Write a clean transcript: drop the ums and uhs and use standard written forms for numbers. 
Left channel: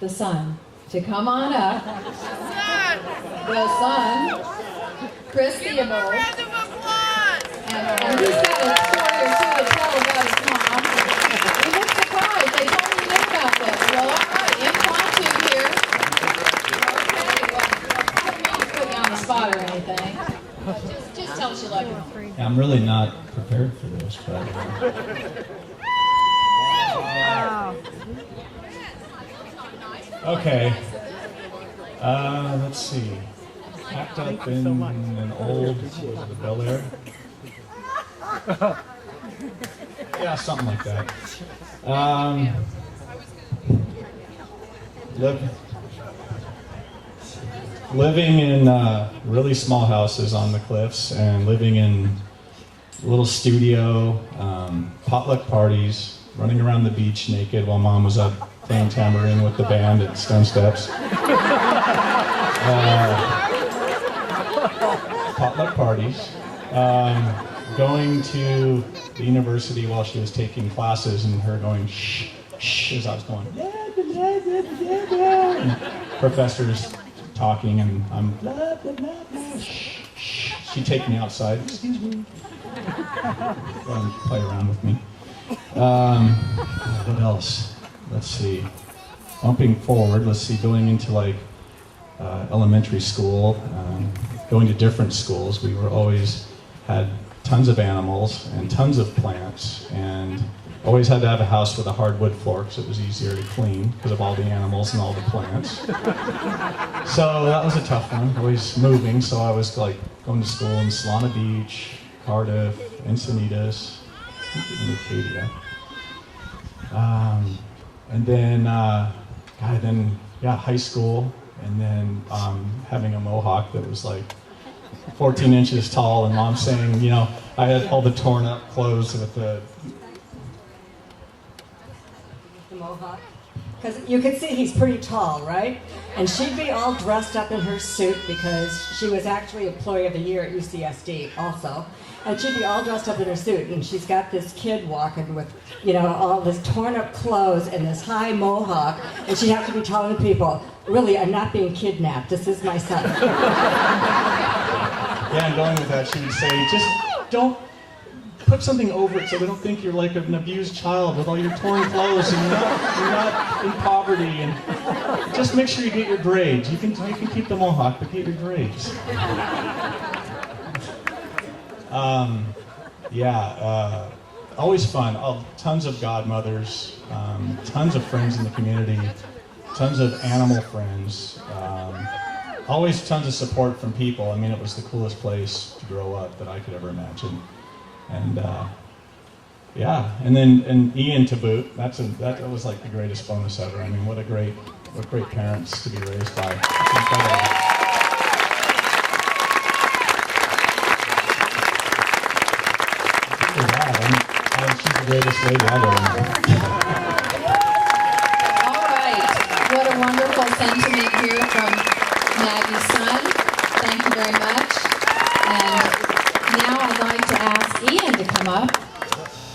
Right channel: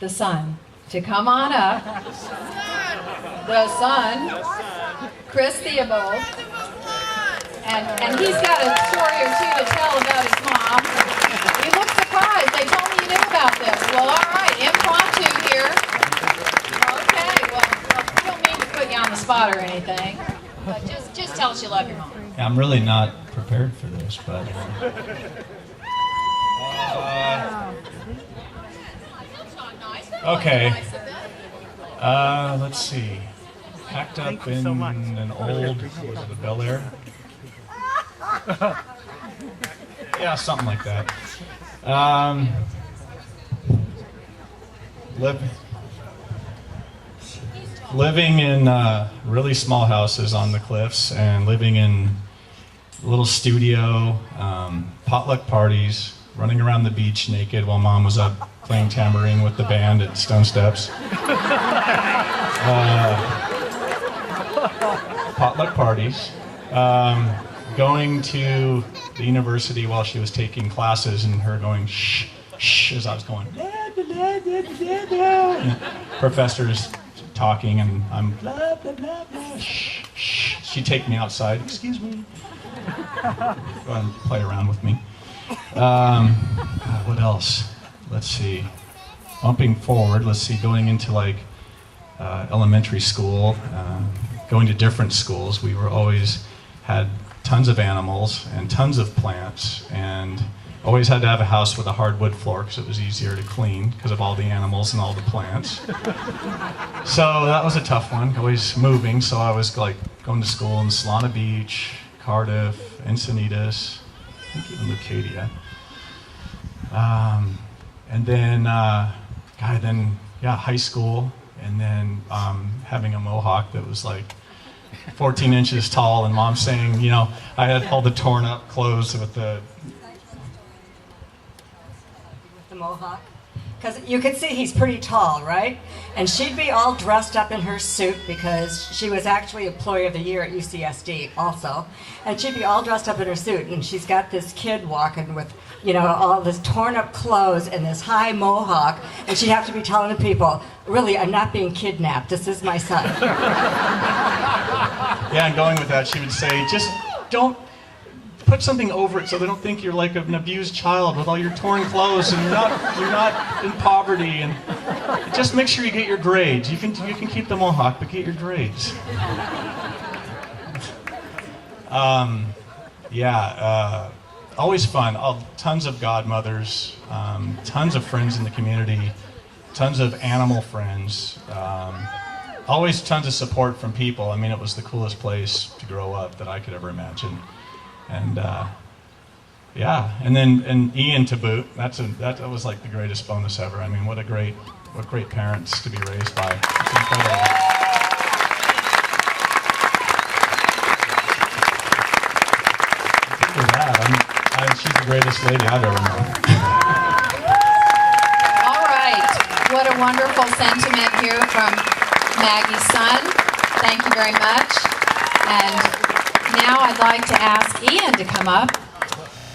the son to come on up. The son, Chris Theobald. And he's got a story or two to tell about his mom. You look surprised. They told me you knew about this. Well, all right, impromptu here. Okay, well, I don't mean to put you on the spot or anything. But just tell us you love your mom. Yeah, I'm really not prepared for this, but... Okay. Let's see. Packed up in an old, was it a Bel Air? Yeah, something like that. Living in really small houses on the cliffs, and living in a little studio, potluck parties, running around the beach naked while Mom was up playing tambourine with the band at Stone Steps. Potluck parties. Going to the university while she was taking classes, and her going shh, shh, as I was going, blah, blah, blah, blah, blah, blah. And professors talking, and I'm blah, blah, blah, blah, shh, shh. She'd take me outside, excuse me. Go and play around with me. What else? Let's see. Bumping forward, let's see, going into like elementary school, going to different schools. We were always had tons of animals and tons of plants, and always had to have a house with a hardwood floor because it was easier to clean because of all the animals and all the plants. So that was a tough one, always moving. So I was like going to school in Solana Beach, Cardiff, Encinitas, and Acadia. And then, high school, and then having a mohawk that was like 14 inches tall, and Mom saying, you know, I had all the torn up clothes with the mohawk. Because you could see he's pretty tall, right? And she'd be all dressed up in her suit because she was actually Employee of the Year at UCSD also. And she'd be all dressed up in her suit, and she's got this kid walking with, you know, all this torn up clothes and this high mohawk, and she'd have to be telling the people, really, I'm not being kidnapped, this is my son. Yeah, and going with that, she would say, just don't put something over it so they don't think you're like an abused child with all your torn clothes, and you're not in poverty, and just make sure you get your grades. You can keep the mohawk, but get your grades. Always fun. Tons of godmothers, tons of friends in the community, tons of animal friends. Always tons of support from people. I mean, it was the coolest place to grow up that I could ever imagine. And and then Ian to boot. That was like the greatest bonus ever. I mean, what great parents to be raised by. It's incredible. For that, she's the greatest lady I've ever known. All right. What a wonderful sentiment here from Maggie's son. Thank you very much. And now I'd like to ask Ian to come up